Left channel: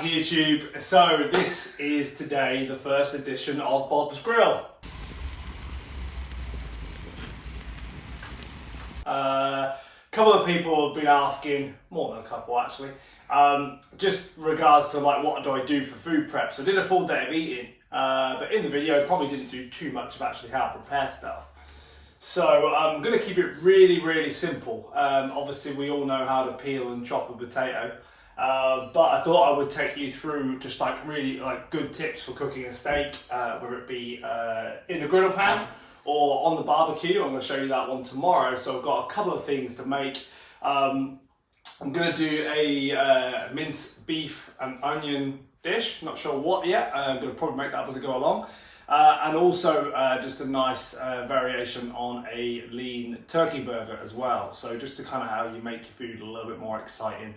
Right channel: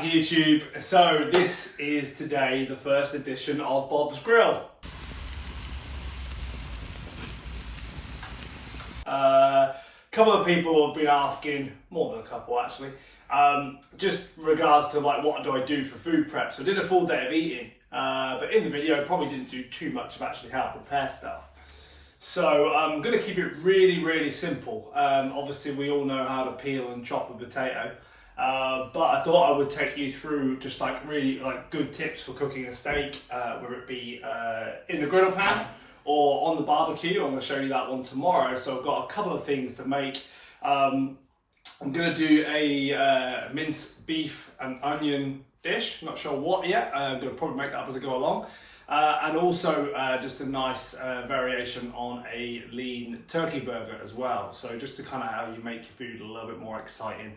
YouTube. So this is today the first edition of Bob's Grill. A couple of people have been asking, more than a couple actually, just regards to like what do I do for food prep. So I did a full day of eating, but in the video I probably didn't do too much of actually how to prepare stuff. So I'm going to keep it really simple. Obviously we all know how to peel and chop a potato. But I thought I would take you through just like really like good tips for cooking a steak, whether it be in the griddle pan or on the barbecue. I'm going to show you that one tomorrow. So I've got a couple of things to make. I'm going to do a minced beef and onion dish. Not sure what yet. I'm going to probably make that up as I go along. And also just a nice variation on a lean turkey burger as well. So just to kind of how you make your food a little bit more exciting.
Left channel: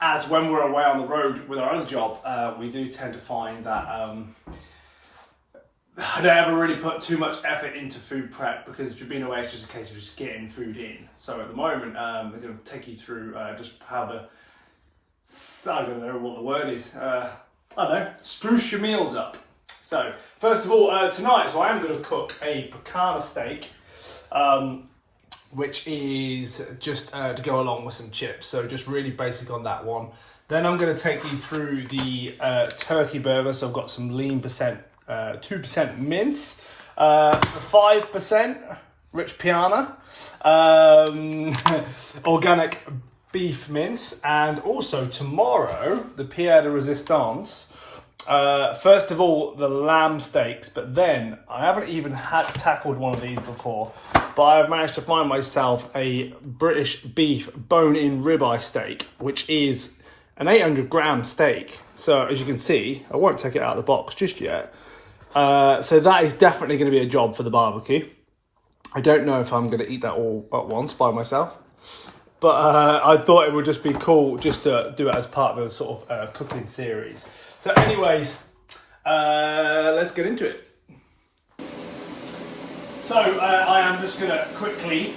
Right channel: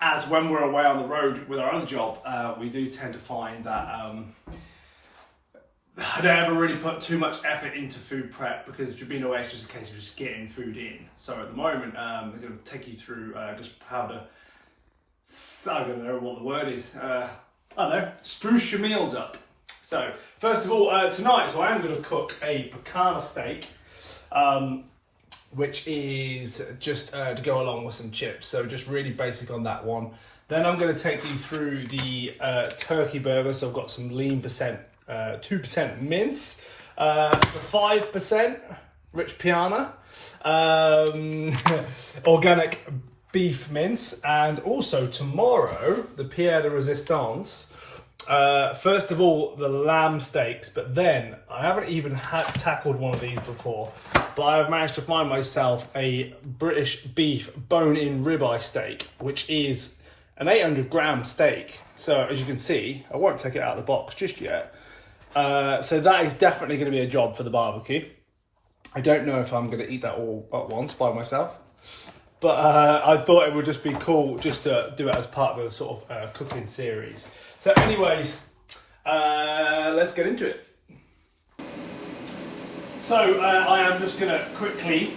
As when we're away on the road with our other job, we do tend to find that I don't ever really put too much effort into food prep because if you've been away, it's just a case of just getting food in. So at the moment, we're going to take you through just how to, I don't know what the word is, I don't know, spruce your meals up. So first of all, tonight, so I am going to cook a picanha steak. Which is just to go along with some chips. So just really basic on that one. Then I'm going to take you through the turkey burger. So I've got some lean percent, 2% mince, 5% rich piana, organic beef mince, and also tomorrow, the pied de resistance. First of all, the lamb steaks, but then I haven't even tackled one of these before, but I've managed to find myself a British beef bone-in ribeye steak, which is an 800 gram steak. So as you can see, I won't take it out of the box just yet. So that is definitely going to be a job for the barbecue. I don't know if I'm going to eat that all at once by myself, but I thought it would just be cool just to do it as part of the sort of cooking series. So anyways, let's get into it. So I am just going to quickly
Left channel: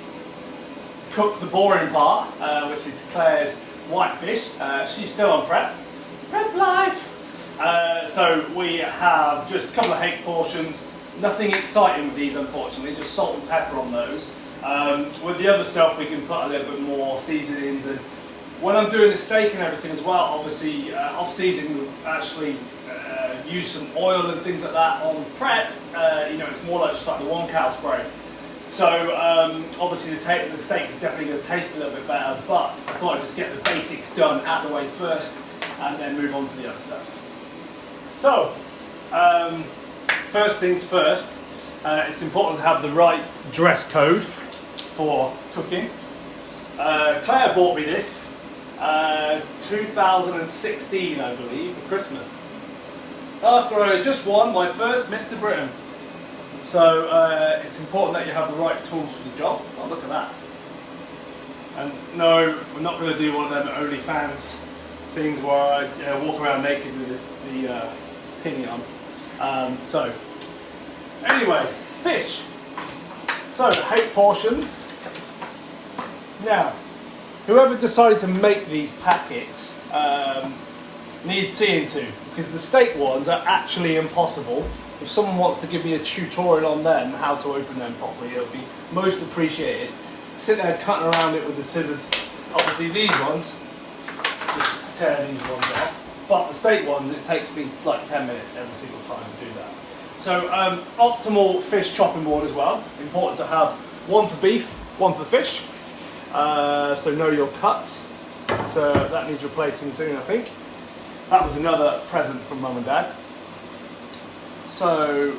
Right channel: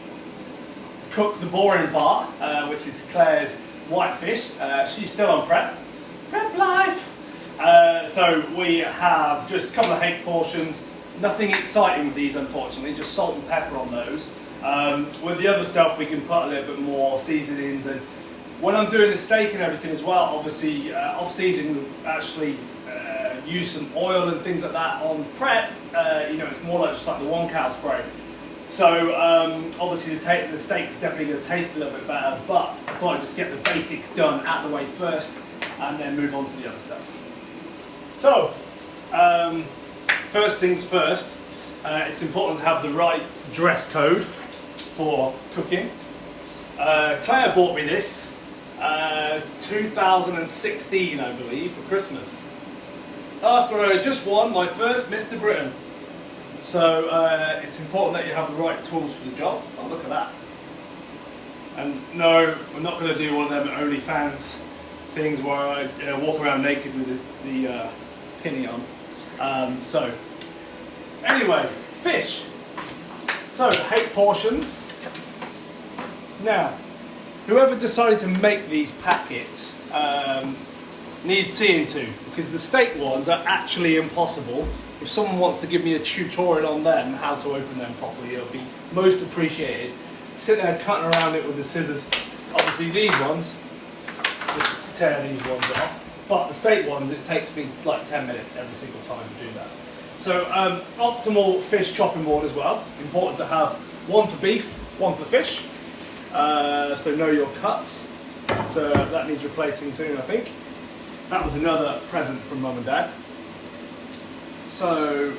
cook the boring part, which is Claire's whitefish. She's still on prep life. So we have just a couple of hake portions. Nothing exciting with these, unfortunately, just salt and pepper on those. With the other stuff, we can put a little bit more seasonings. And when I'm doing the steak and everything as well, obviously off-season, we actually use some oil and things like that on prep. You know, it's more like just like the one cow spray. So obviously the steak's definitely going to taste a little bit better, but I thought I'd just get the basics done out of the way first and then move on to the other stuff. So first things first, it's important to have the right dress code for cooking. Claire bought me this 2016, I believe, for Christmas, after I had just won my first Mr. Britain. So it's important that you have the right tools for the job. Oh, look at that. And no, we're not going to do one of them OnlyFans things where I walk around naked with the pinny on. So anyway, fish. So 8 portions. Now, whoever decided to make these packets needs seeing to, because the steak ones are actually impossible. If someone wants to give me a tutorial on them, how to open them properly, it would be most appreciated. Sitting there cutting around it with the scissors. Obviously these ones, just tear these ones off. But the steak ones, it takes me like 10 minutes every single time to do that. So optimal fish chopping board as well. Important to have one for beef, one for fish. So know your cuts. So that needs replacing soon, I think. That was another present from Mum and Dad. So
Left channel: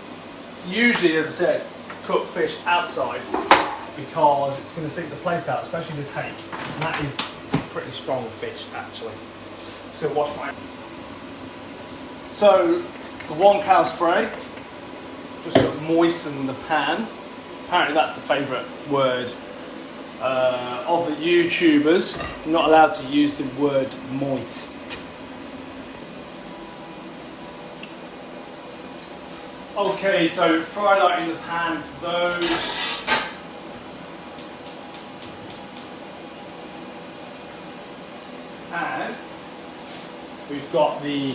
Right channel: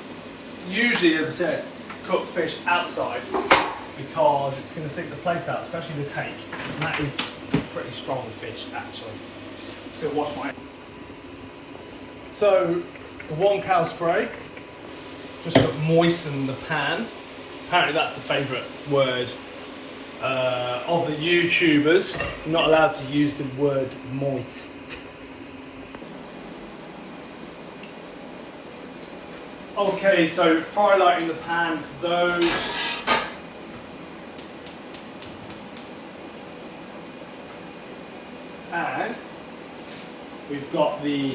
usually, as I said, cook fish outside because it's going to stick the place out, especially this hake. And that is pretty strong fish, actually. Just going to wash my. So the one cow spray, just got moisten the pan. Apparently that's the favourite word of the YouTubers. You're not allowed to use the word moist. Okay, so fry light in the pan for those. And we've got the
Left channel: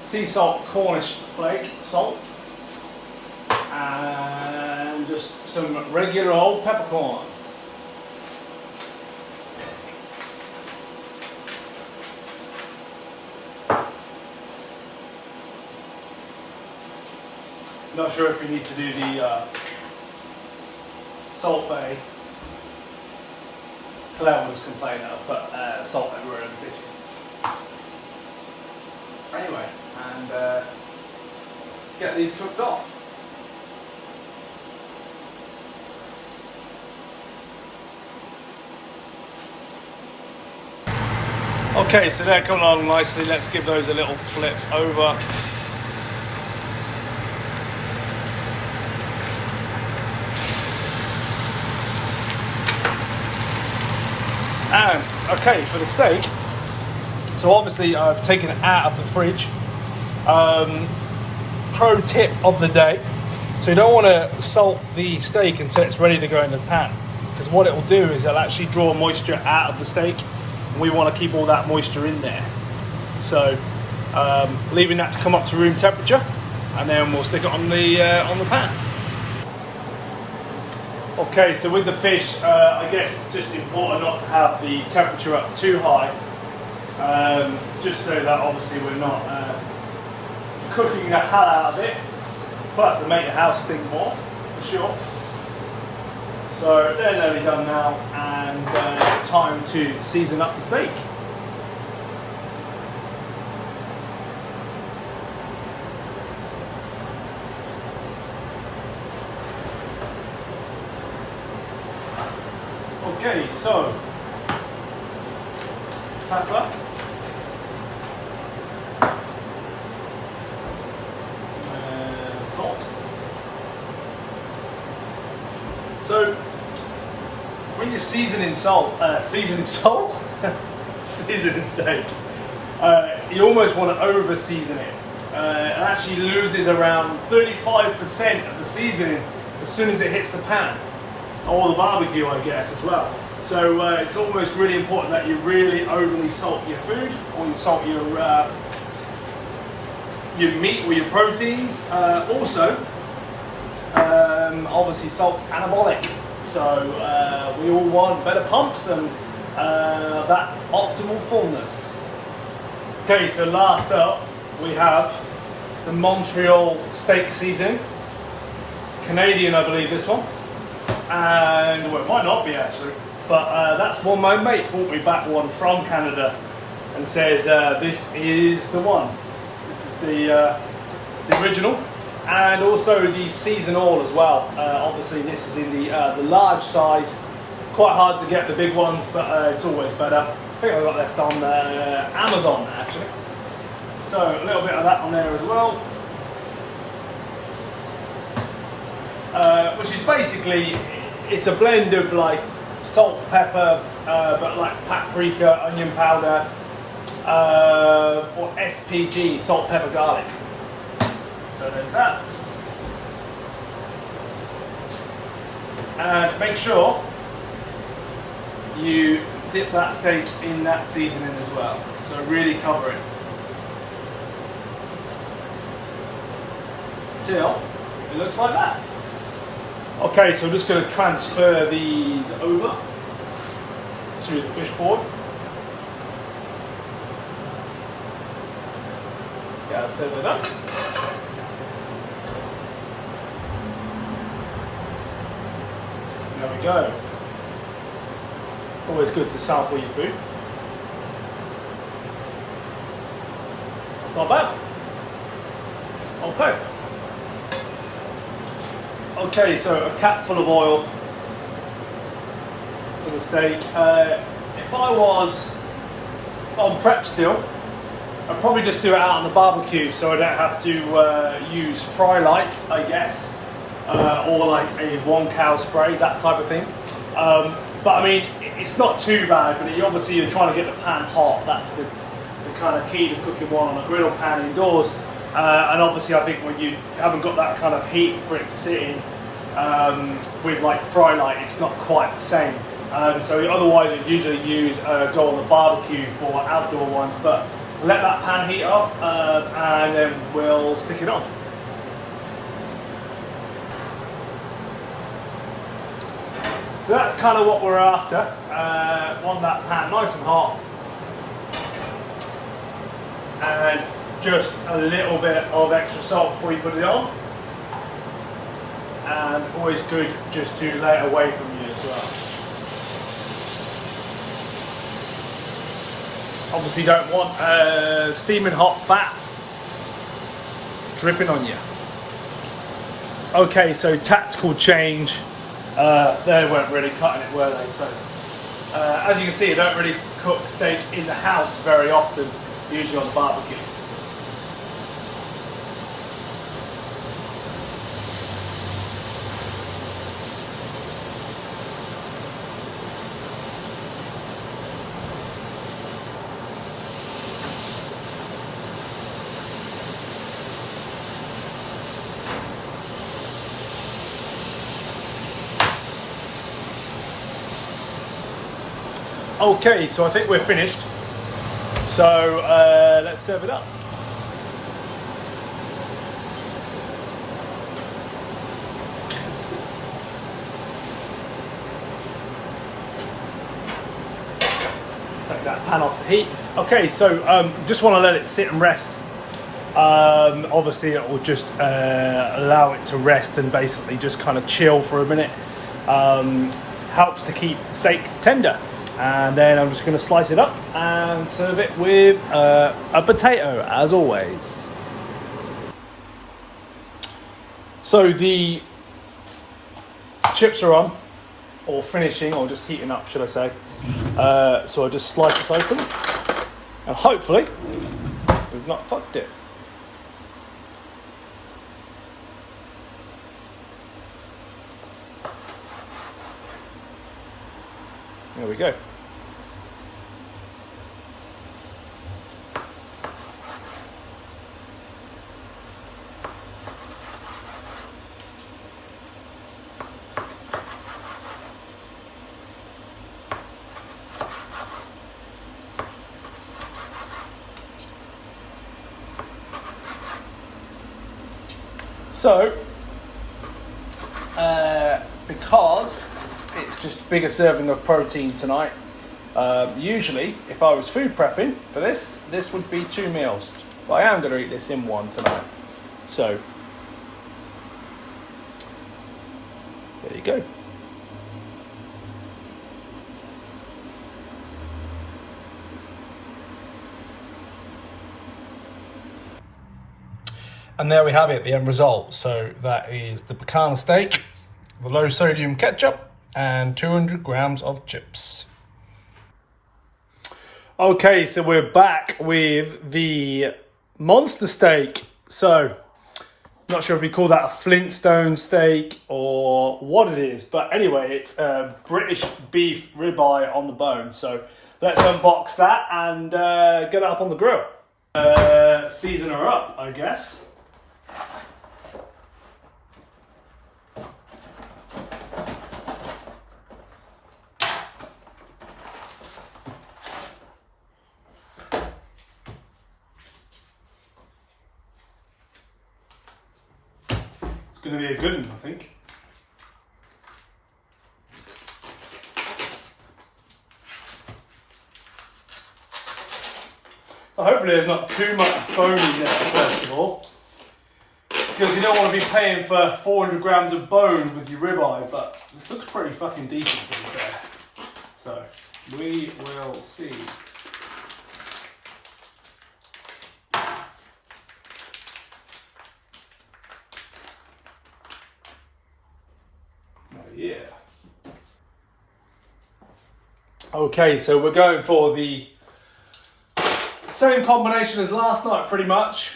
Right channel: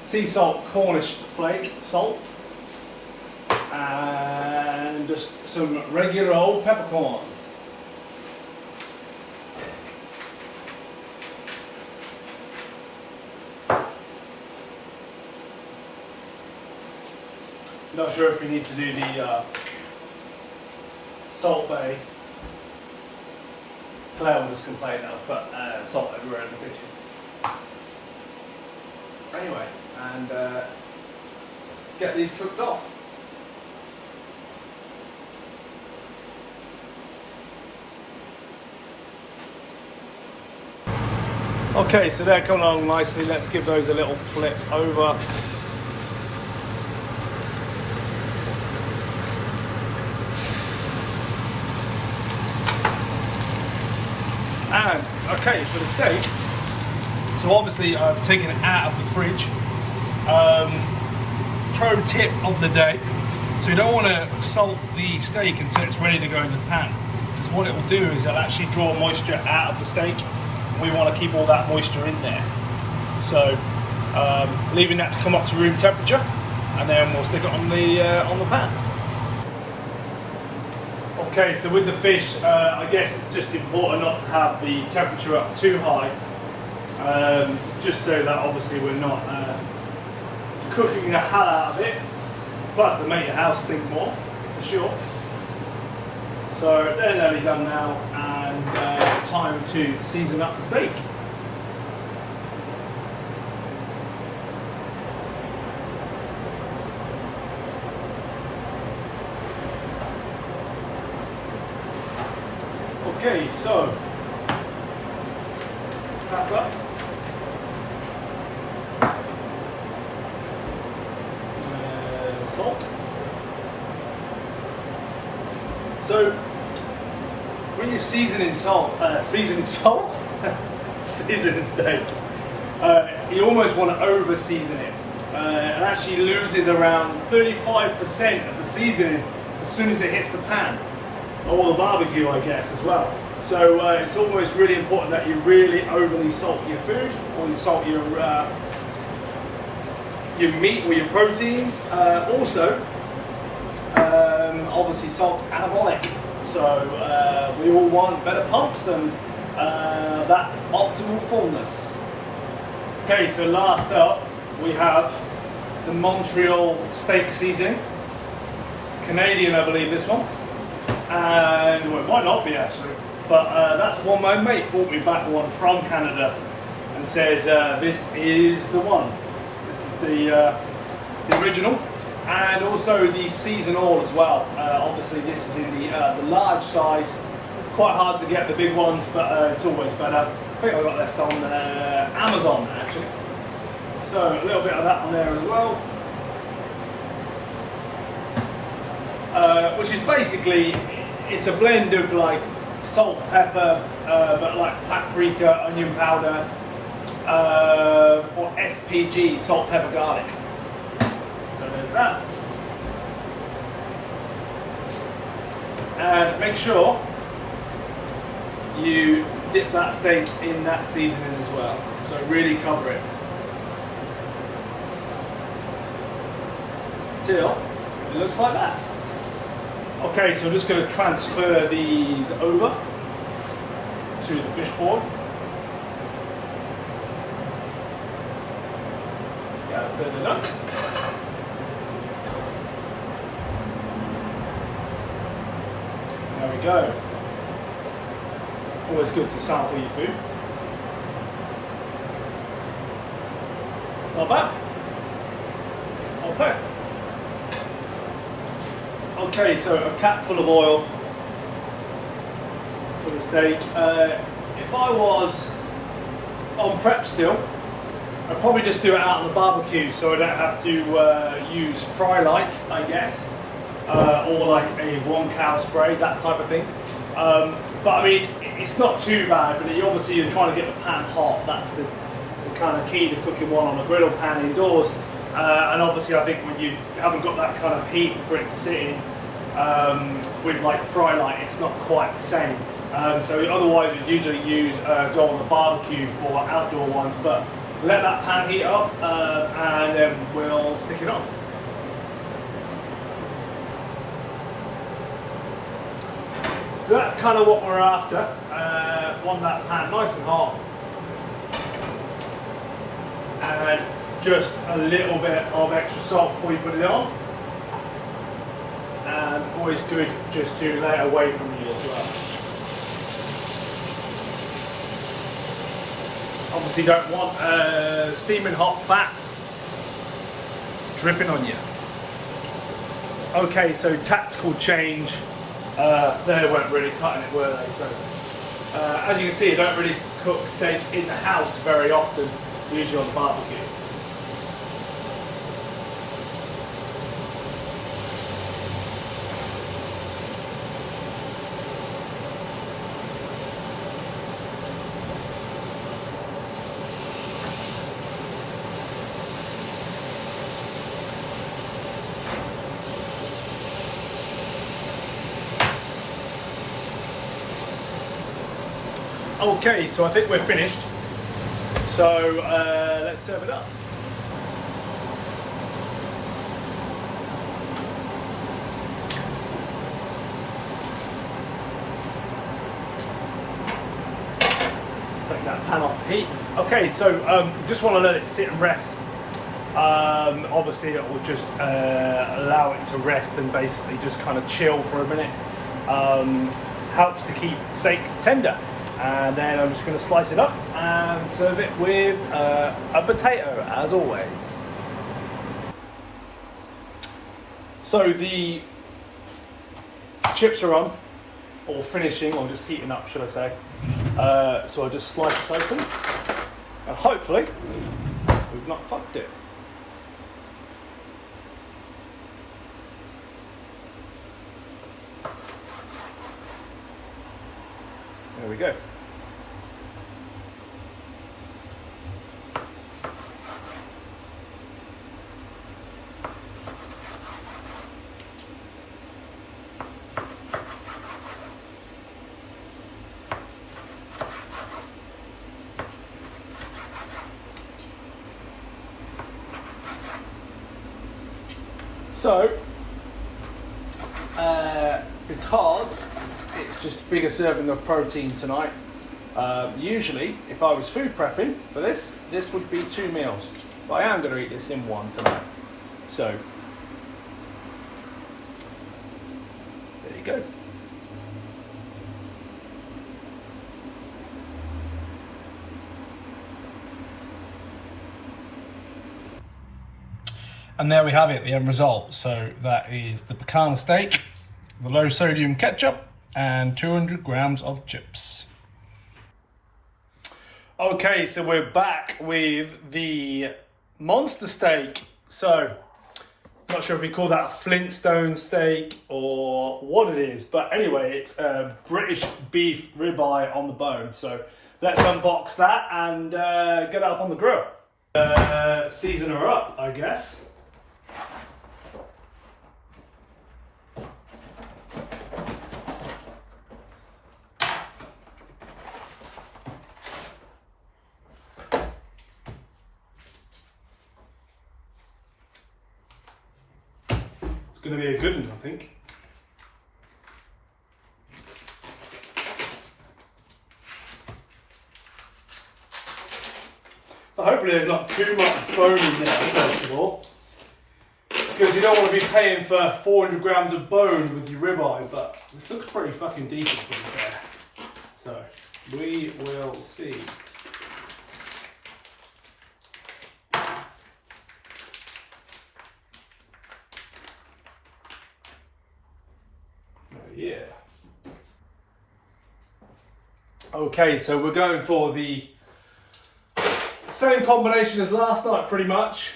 sea salt Cornish flake salt and just some regular old peppercorns. Not sure if we need to do the Salt Bay. Claire was complaining that I put salt everywhere in the kitchen. Anyway, and get these cooked off. Okay, so they're coming along nicely. Let's give those a little flip over. And okay, for the steak, so obviously I've taken it out of the fridge. Pro tip of the day, so you don't want to salt the steak until it's ready to go in the pan, because what it will do is it'll actually draw moisture out of the steak, and we want to keep all that moisture in there. So leaving that to come up to room temperature, and then we'll stick it on the pan. Okay, so with the fish, I guess it's just important not to have the temperature up too high, just so that obviously we're not cooking the hell out of it. Plus, it'll make the house stink more, for sure. So they're nearly done now, and time to season up the steak. Okay, so pepper, salt. So when you're seasoning seasoning steak, you almost want to over season it. It actually loses around 35% of the seasoning as soon as it hits the pan. Or the barbecue, I guess, as well. So it's almost really important that you really overly salt your food, or you salt your meat or your proteins. Also, obviously salt's anabolic. So we all want better pumps and that optimal fullness. Okay, so last up we have the Montreal steak seasoning. Canadian, I believe, this one. And well, it might not be actually, but that's one my mate brought me back one from Canada and says this is the one. This is the original, and also the seasonal as well. Obviously this is in the large size. Quite hard to get the big ones, but it's always better. I think I got this on Amazon actually. So a little bit of that on there as well. Which is basically, it's a blend of like salt, pepper, but like paprika, onion powder, or SPG, salt, pepper, garlic. So there's that. And make sure you dip that steak in that seasoning as well. So really cover it till it looks like that. Okay, so I'm just going to transfer these over to the fish board. Yeah, that's it done. There we go. Always good to sample your food. Not bad. Okay. Okay, so a cap full of oil for the steak. If I was on prep still, I'd probably just do it out on the barbecue so I don't have to use fry light, I guess, or like a 1-cal spray, that type of thing. But I mean, it's not too bad, but obviously you're trying to get the pan hot. That's the kind of key to cooking one on a griddle pan indoors. And obviously I think when you haven't got that kind of heat for it to sit in, with like fry light, it's not quite the same. So otherwise I'd usually use go on a barbecue for outdoor ones, but let that pan heat up and then we'll stick it on. So that's kind of what we're after. Want that pan nice and hot. And just a little bit of extra salt before you put it on. And always good just to lay it away from you as well. Obviously you don't want steaming hot fat dripping on you. Okay, so tactical change. They weren't really cutting it, were they? So, as you can see, I don't really cook steak in the house very often, usually on the barbecue. Okay, so I think we're finished. So let's serve it up. Take that pan off the heat. Okay, so just want to let it sit and rest. Obviously it will just allow it to rest and basically just kind of chill for a minute. Helps to keep steak tender. And then I'm just going to slice it up and serve it with a potato, as always. So the chips are on, or finishing, or just heating up, should I say. So I'll just slice this open, and hopefully we've not fucked it. There we go. So, because it's just a bigger serving of protein tonight, usually if I was food prepping for this would be 2 meals, but I am going to eat this in one tonight. So, there you go. And there we have it, the end result. So that is the pecan steak, the low sodium ketchup, and 200 grams of chips. Okay, so we're back with the monster steak. So, not sure if you call that a Flintstone steak or what it is, but anyway, it's a British beef ribeye on the bone. So let's unbox that and get it up on the grill. Season her up, I guess. It's going to be a good one, I think. So hopefully there's not too much bone in there, first of all, because you don't want to be paying for 400 grams of bone with your ribeye, but this looks pretty fucking decent to be fair. So we will see. Yeah. Okay, so we're going for the same combination as last night, pretty much.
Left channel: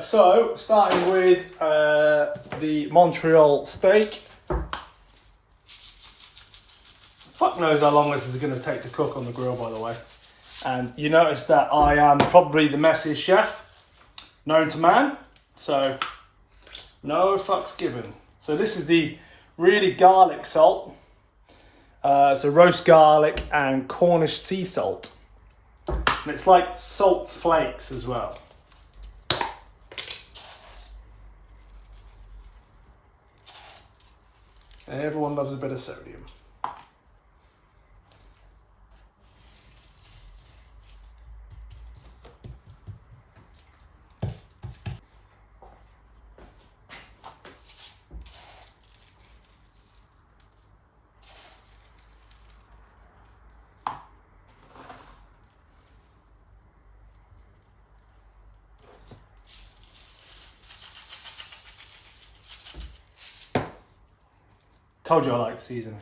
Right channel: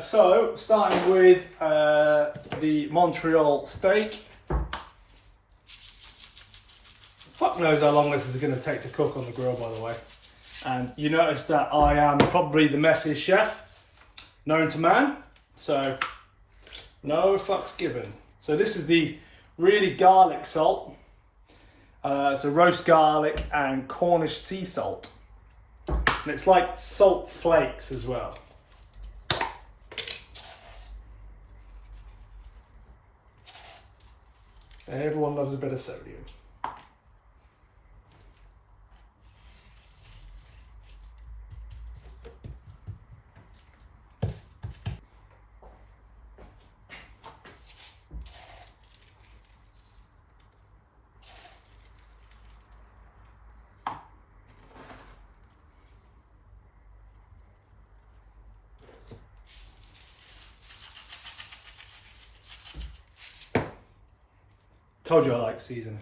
So, starting with the Montreal steak. Fuck knows how long this is going to take to cook on the grill, by the way. And you notice that I am probably the messiest chef known to man. So, no fucks given. So this is the really garlic salt. So roast garlic and Cornish sea salt. And it's like salt flakes as well. Everyone loves a bit of sodium. Told you I like seasoning.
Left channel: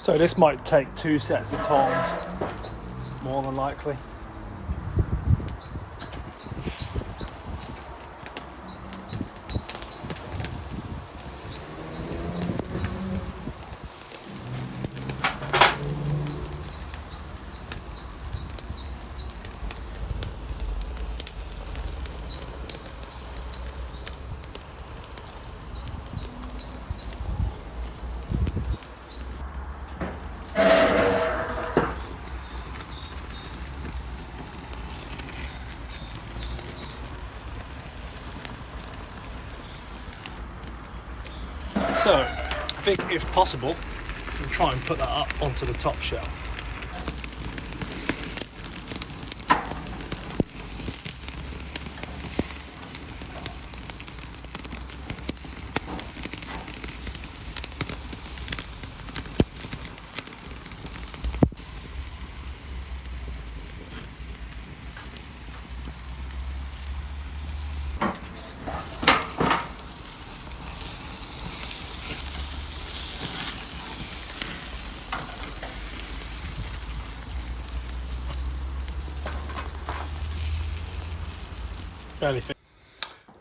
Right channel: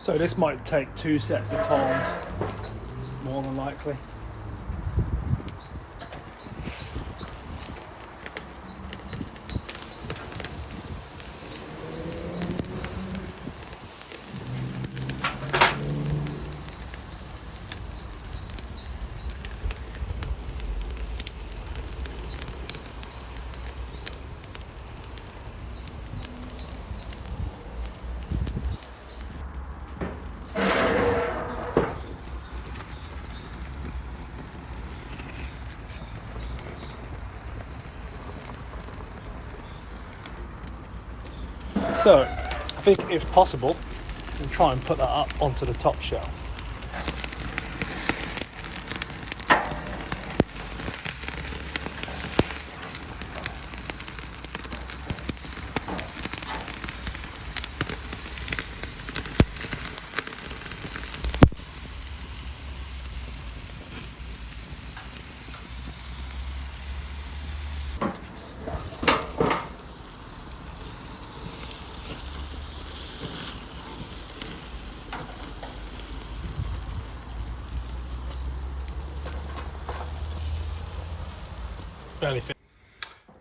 So this might take 2 sets of tongs, more than likely. So, I think if possible, we'll try and put that up onto the top shelf.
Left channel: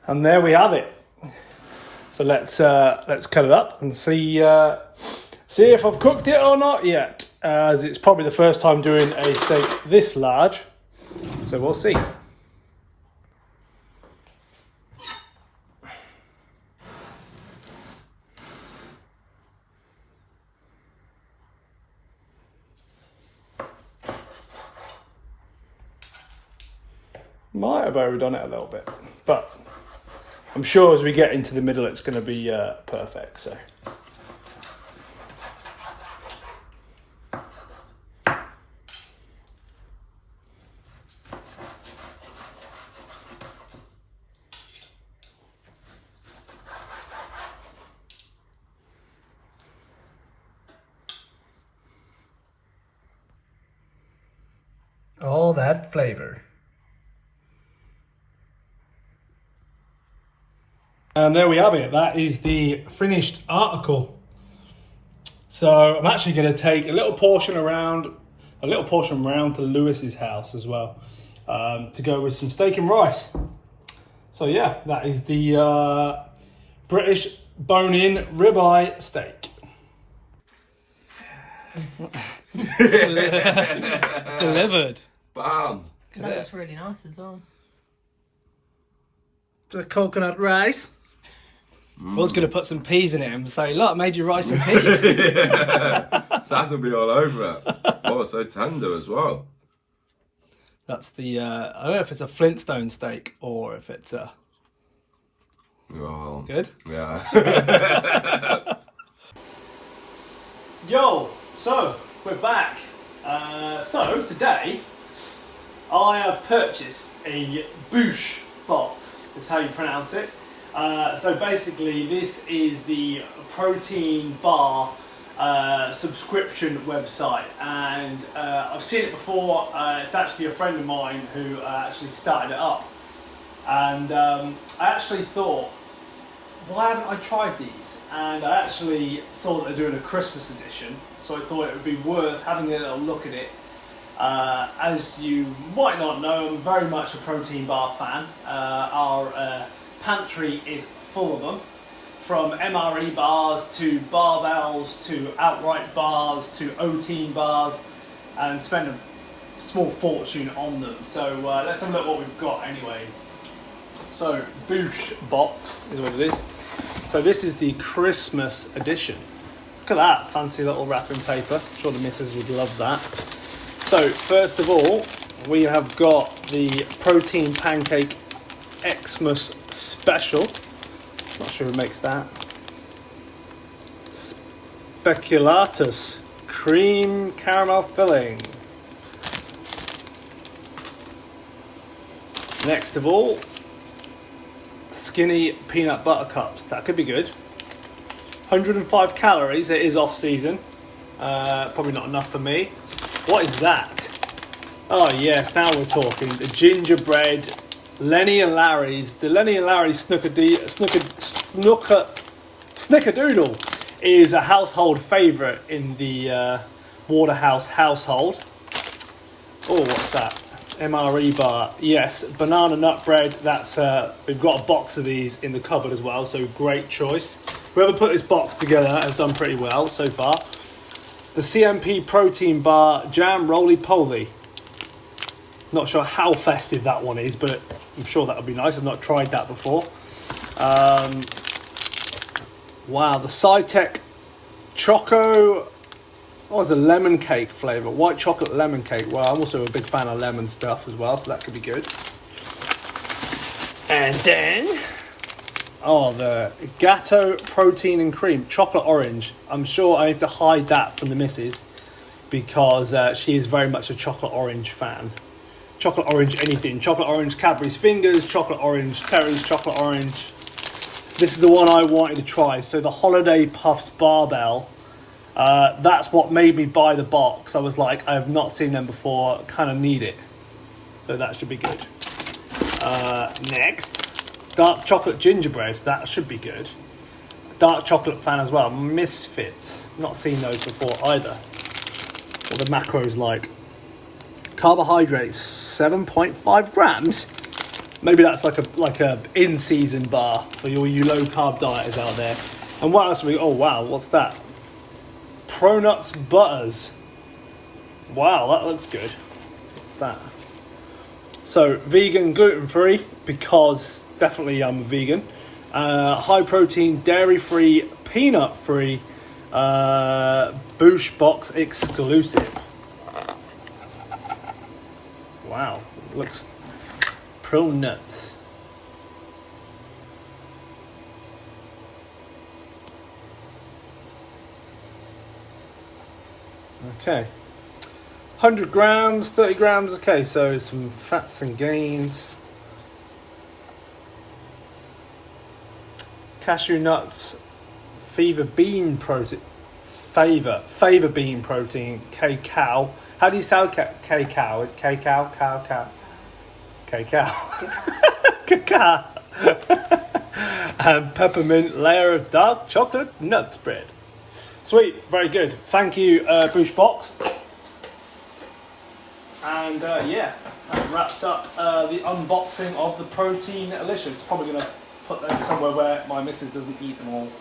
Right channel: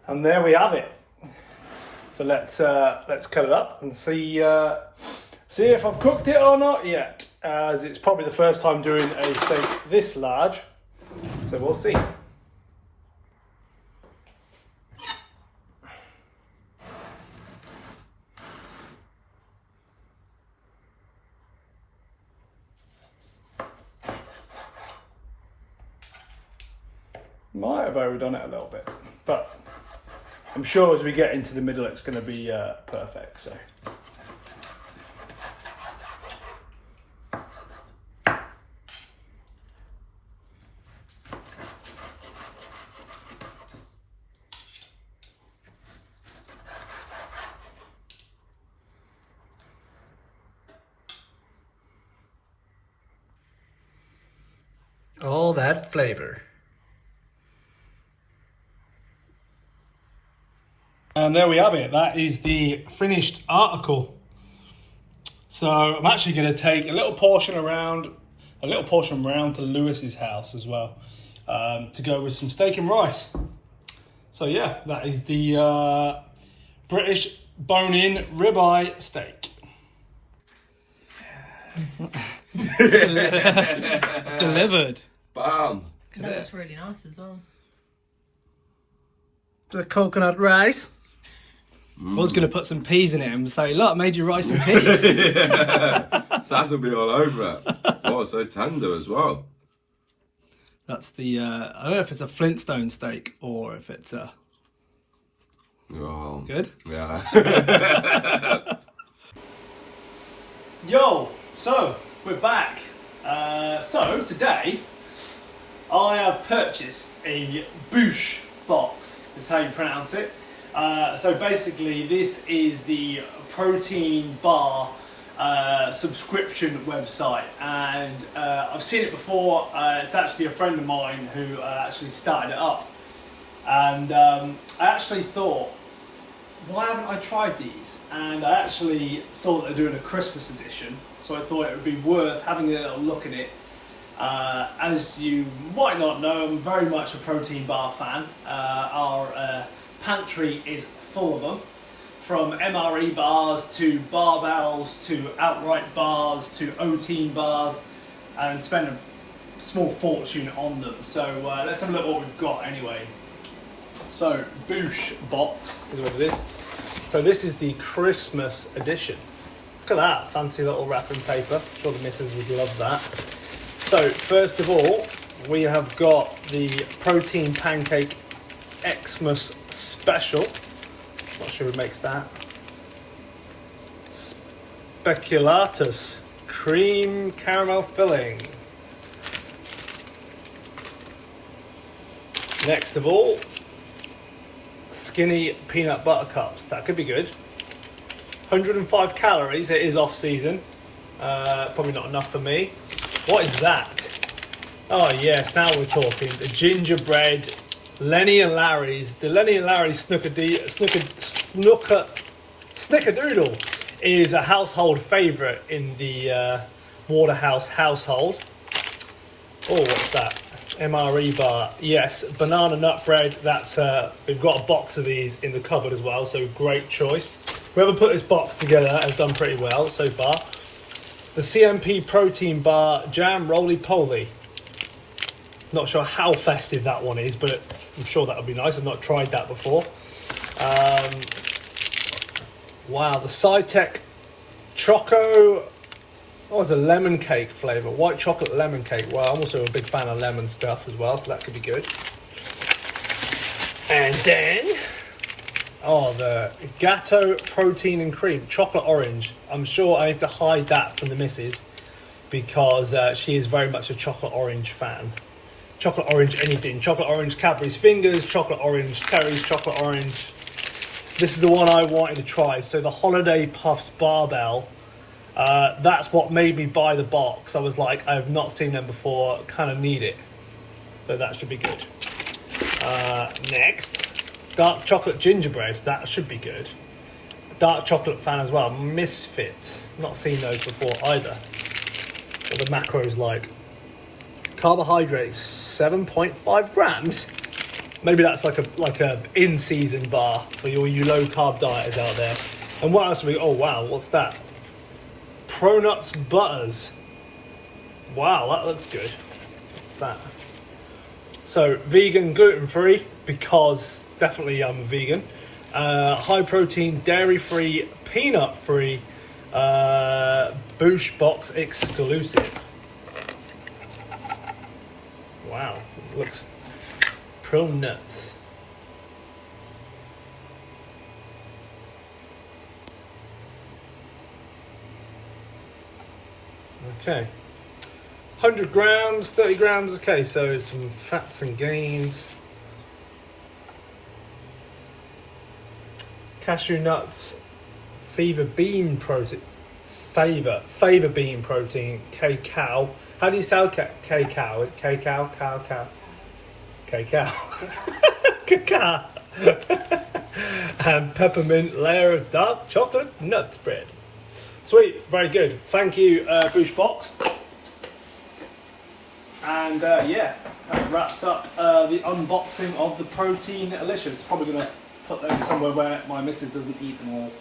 And there we have it. So let's cut it up and see if I've cooked it or not yet, as it's probably the first time doing a steak this large. So we'll see. Might have overdone it a little bit, but I'm sure as we get into the middle it's going to be perfect. So all that flavor. And there we have it. That is the finished article. So I'm actually going to take a little portion around to Lewis's house as well, to go with some steak and rice. So yeah, that is the British bone-in ribeye steak. Delivered. Bam. That looks really nice as well. The coconut rice. I was going to put some peas in it and say, look, I made you rice and peas. Saz will be all over it. Oh, so tender as well. That's the, I don't know if it's a Flintstone steak or if it's a... Oh, good? Yeah. Yo, so we're back. So today I have purchased a Boosh box, is how you pronounce it. So basically this is the protein bar subscription website, and I've seen it before. It's actually a friend of mine who actually started it up, and I actually thought, why haven't I tried these? And I actually saw that they're doing a Christmas edition, so I thought it would be worth having a little look at it. As you might not know, I'm very much a protein bar fan. Our pantry is full of them, from MRE bars to barbells to outright bars to O-team bars, and spend a small fortune on them. So let's have a look at what we've got anyway. So Boosh box is what it is. So this is the Christmas edition. Look at that fancy little wrapping paper. I'm sure the missus would love that. So first of all, we have got the protein pancake Xmas special. Not sure who makes that. Speculatus cream caramel filling. Next of all, skinny peanut butter cups. That could be good. 105 calories. It is off season. Probably not enough for me. What is that? Oh yes, now we're talking. The gingerbread Lenny and Larry's. The Lenny and Larry's Snickerdoodle is a household favourite in the Waterhouse household. Oh, what's that? MRE bar. Yes, banana nut bread. That's we've got a box of these in the cupboard as well, so great choice. Whoever put this box together has done pretty well so far. The CMP protein bar jam roly-poly. Not sure how festive that one is, but I'm sure that'll be nice. I've not tried that before. Wow, the Cytec Choco. What was a lemon cake flavour? White chocolate lemon cake. Well, I'm also a big fan of lemon stuff as well, so that could be good. And then, oh, the Gatto protein and cream chocolate orange. I'm sure I have to hide that from the missus because she is very much a chocolate orange fan. Chocolate orange anything. Chocolate orange Cadbury's Fingers, chocolate orange Terry's chocolate orange. This is the one I wanted to try. So the Holiday Puffs barbell. That's what made me buy the box. I was like, I have not seen them before, kind of need it. So that should be good. Next, dark chocolate gingerbread. That should be good. Dark chocolate fan as well. Misfits. Not seen those before either. What the macros like. Carbohydrates, 7.5 grams. Maybe that's like a in-season bar for all you low-carb dieters out there. And what else have we? Oh wow, what's that? Pro Nuts Butters. Wow, that looks good. What's that? So, vegan, gluten-free, because definitely I'm a vegan. High protein, dairy-free, peanut-free, Boosh box exclusive. Wow, looks pro nuts. Okay, 100 grams, 30 grams. Okay, so some fats and gains. Cashew nuts, favor bean protein, favor bean protein, cacao. How do you sound cacao? Is cacao, cow? Cacao. Cacao. And peppermint layer of dark chocolate nut spread. Sweet, very good. Thank you, Boosh Box. And yeah, that wraps up the unboxing of the Protein Delicious. Probably going to put them somewhere where my missus doesn't eat them all.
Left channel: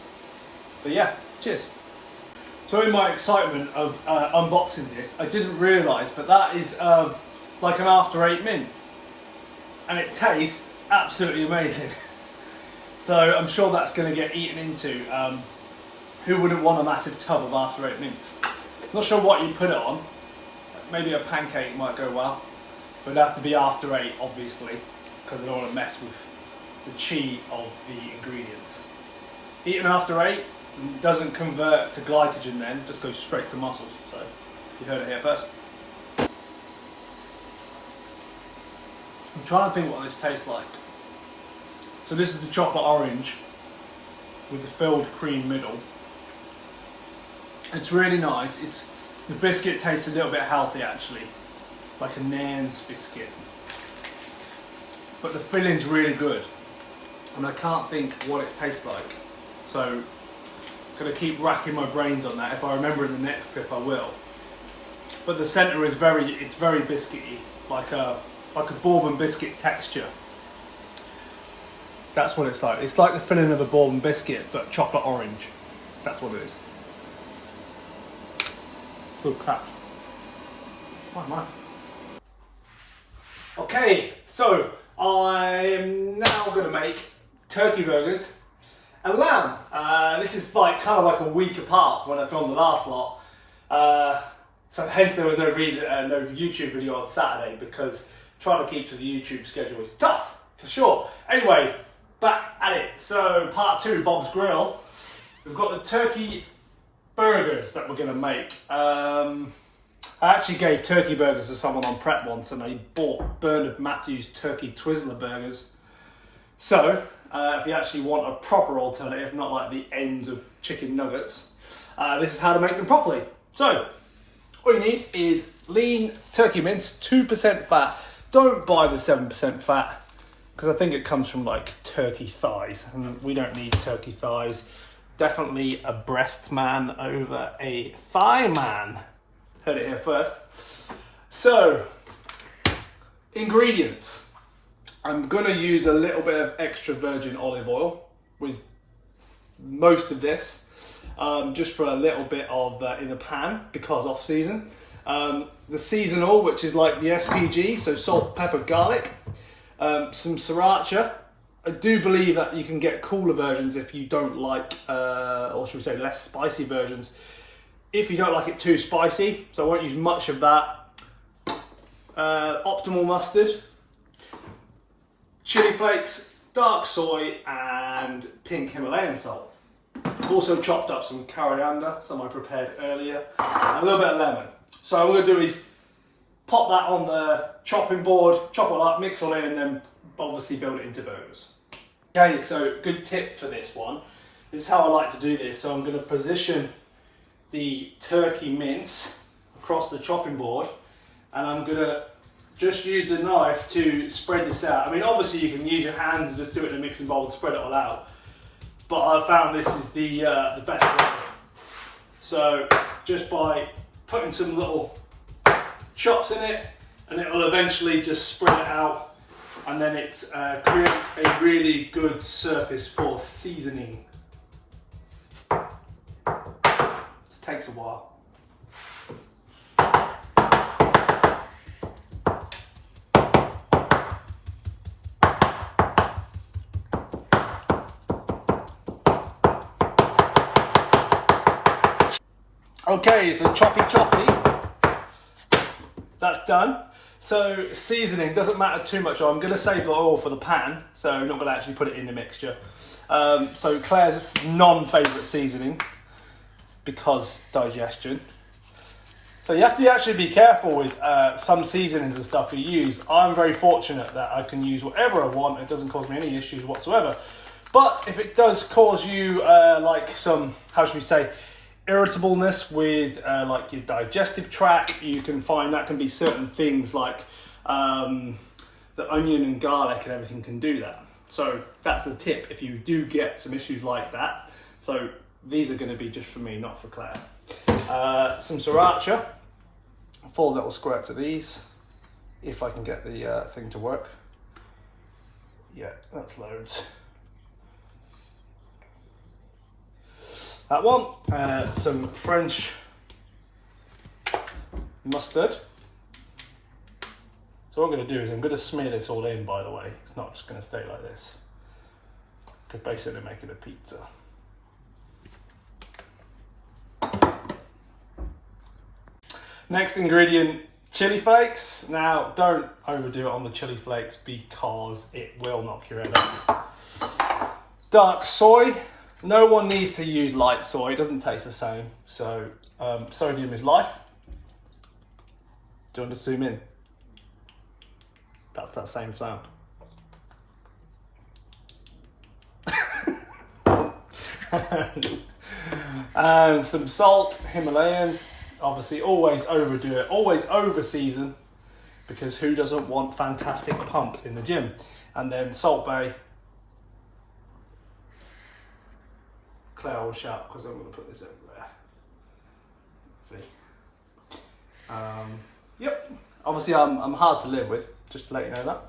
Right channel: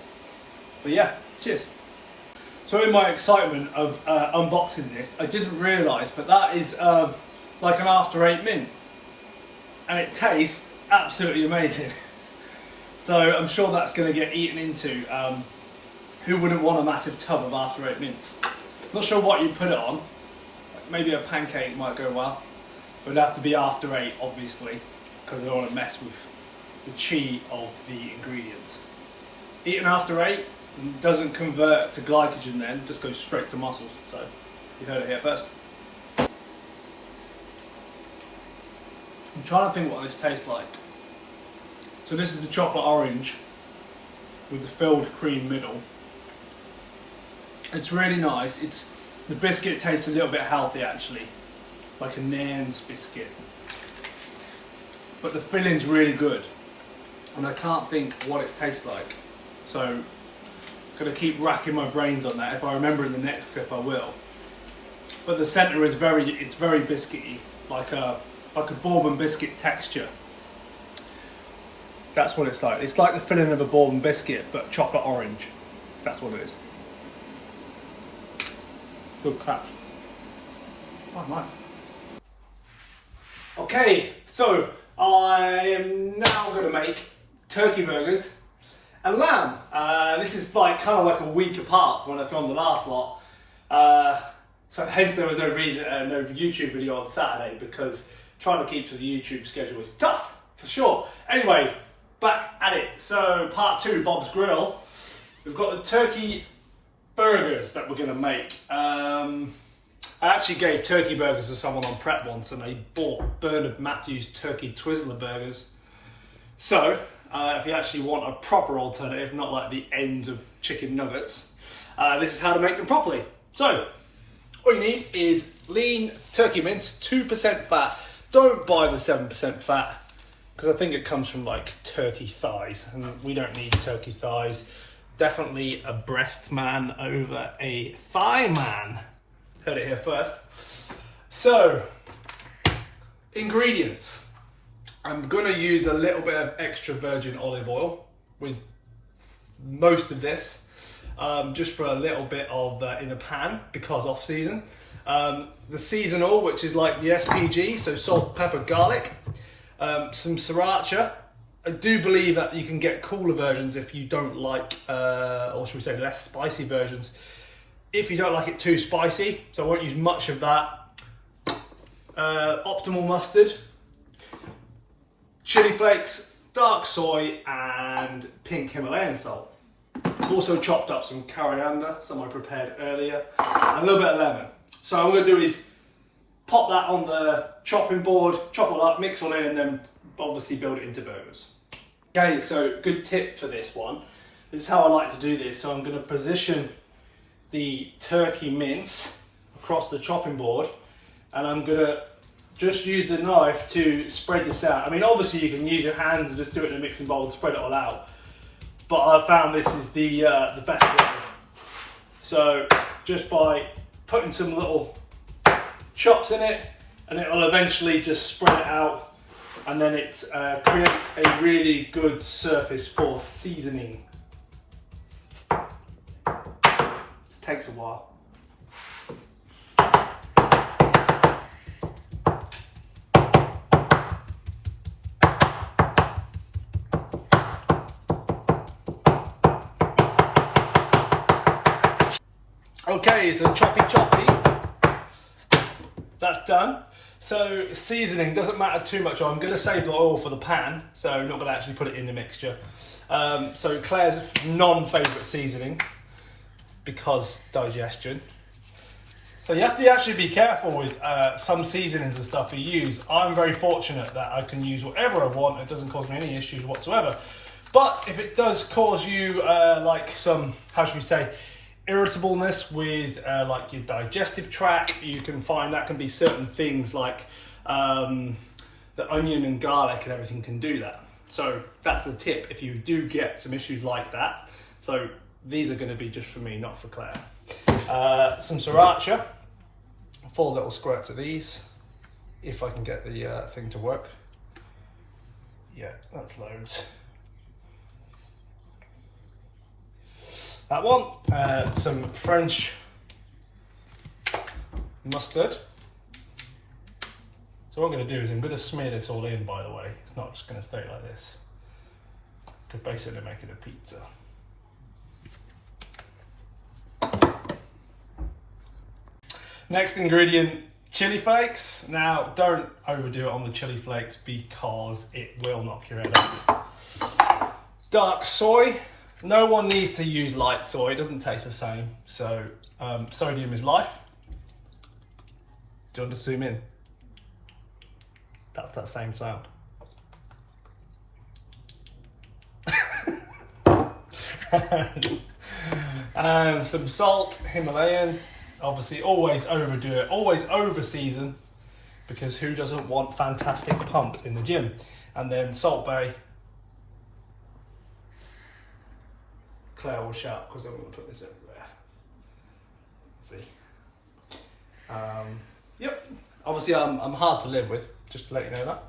But yeah, cheers. So in my excitement of unboxing this, I didn't realise, but that is like an after 8 mint. And it tastes absolutely amazing. So I'm sure that's going to get eaten into. Who wouldn't want a massive tub of after 8 mince? Not sure what you put it on. Like maybe a pancake might go well. But it'd have to be after 8, obviously, because I don't want to mess with the chi of the ingredients. Eating after 8 doesn't convert to glycogen then, just goes straight to muscles. So you heard it here first. I'm trying to think what this tastes like. So this is the chocolate orange with the filled cream middle. It's really nice. The biscuit tastes a little bit healthy actually, like a Nairn's biscuit. But the filling's really good, and I can't think what it tastes like. So I'm gonna keep racking my brains on that. If I remember in the next clip, I will. But the centre is very biscuity, like a bourbon biscuit texture. That's what it's like. It's like the filling of a bourbon biscuit, but chocolate orange. That's what it is. Good crack. Oh, man. Okay, so I'm now going to make turkey burgers and lamb. This is like kind of like a week apart from when I filmed the last lot. So hence there was no YouTube video on Saturday, because trying to keep to the YouTube schedule is tough, for sure. Anyway, back at it. So part 2, Bob's Grill. We've got the turkey burgers that we're going to make. I actually gave turkey burgers to someone on prep once, and they bought Bernard Matthews turkey Twizzler burgers. So if you actually want a proper alternative, not like the ends of chicken nuggets, this is how to make them properly. So all you need is lean turkey mince, 2% fat. Don't buy the 7% fat, because I think it comes from like turkey thighs, and we don't need turkey thighs. Definitely a breast man over a thigh man. Heard it here first. So, ingredients. I'm gonna use a little bit of extra virgin olive oil with most of this, just for a little bit of in the pan, because off season. The seasonal, which is like the SPG, so salt, pepper, garlic. Some sriracha. I do believe that you can get cooler versions if you don't like, or should we say less spicy versions, if you don't like it too spicy. So I won't use much of that. Optimal mustard, chili flakes, dark soy, and pink Himalayan salt. I've also chopped up some coriander, some I prepared earlier, and a little bit of lemon. So what I'm going to do is pop that on the chopping board, chop it up, mix all in, and then obviously build it into burgers. Okay, so good tip for this one. This is how I like to do this. So I'm going to position the turkey mince across the chopping board, and I'm going to just use the knife to spread this out. I mean, obviously you can use your hands and just do it in a mixing bowl and spread it all out, but I found this is the best way. So just by putting some little chops in it, and it will eventually just spread it out, and then it creates a really good surface for seasoning. This takes a while. Okay, so choppy. That's done. So seasoning doesn't matter too much. I'm going to save the oil for the pan, so I'm not going to actually put it in the mixture. So Claire's non-favourite seasoning, because digestion. So you have to actually be careful with some seasonings and stuff you use. I'm very fortunate that I can use whatever I want. It doesn't cause me any issues whatsoever. But if it does cause you like some, how should we say, irritableness with like your digestive tract, you can find that can be certain things like the onion and garlic and everything can do that. So that's a tip if you do get some issues like that. So these are going to be just for me, not for Claire. Some sriracha, 4 little squirts of these, if I can get the thing to work. Yeah, that's loads. That one, some French mustard. So what I'm going to do is I'm going to smear this all in, by the way. It's not just going to stay like this, basically making a pizza. Next ingredient, chili flakes. Now, don't overdo it on the chili flakes because it will knock your head off. Dark soy. No one needs to use light soy. It doesn't taste the same. So, sodium is life. Do you want to zoom in? That's that same sound. And some salt, Himalayan. Obviously, always overdo it, always over season, because who doesn't want fantastic pumps in the gym? And then Salt Bay. Claire will shout because I'm going to put this over there. See? Yep. Obviously, I'm hard to live with, just to let you know that.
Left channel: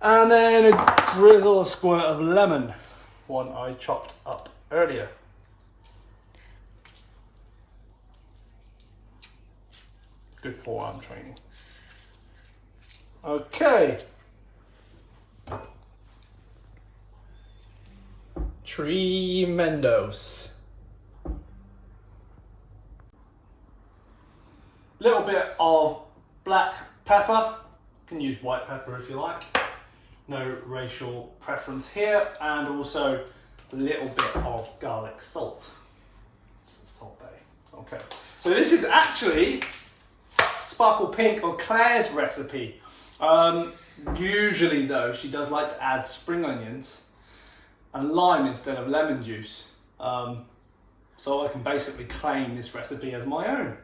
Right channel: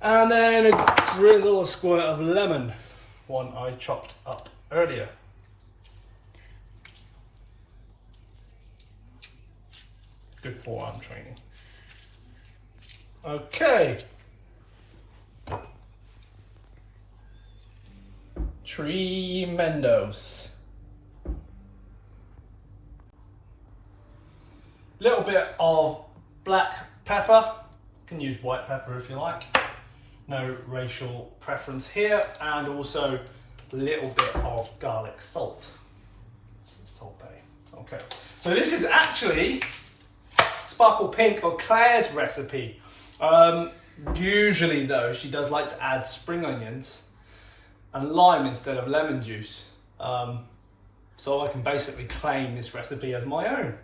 And then a drizzle, a squirt of lemon, one I chopped up earlier. Good forearm training. Okay. Tremendos. Little bit of black pepper. You can use white pepper if you like. No racial preference here. And also a little bit of garlic salt. Salt Bay. Okay. So this is actually Sparkle Pink or Claire's recipe. Usually though, she does like to add spring onions and lime instead of lemon juice. So I can basically claim this recipe as my own.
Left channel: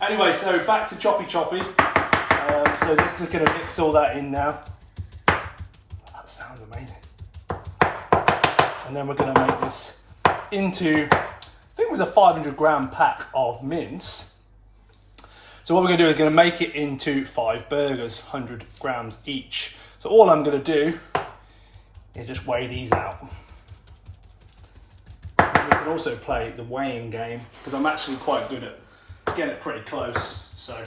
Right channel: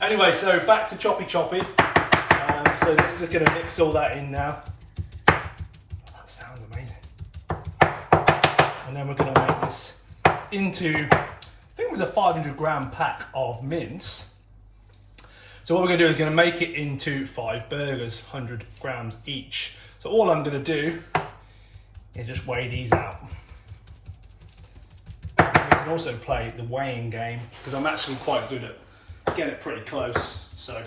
Anyway, so back to choppy. So this is gonna mix all that in now. That sounds amazing. And then we're gonna make this into, I think it was a 500-gram pack of mince. So what we're going to do is going to make it into 5 burgers, 100 grams each. So all I'm going to do is just weigh these out. We can also play the weighing game because I'm actually quite good at getting it pretty close. So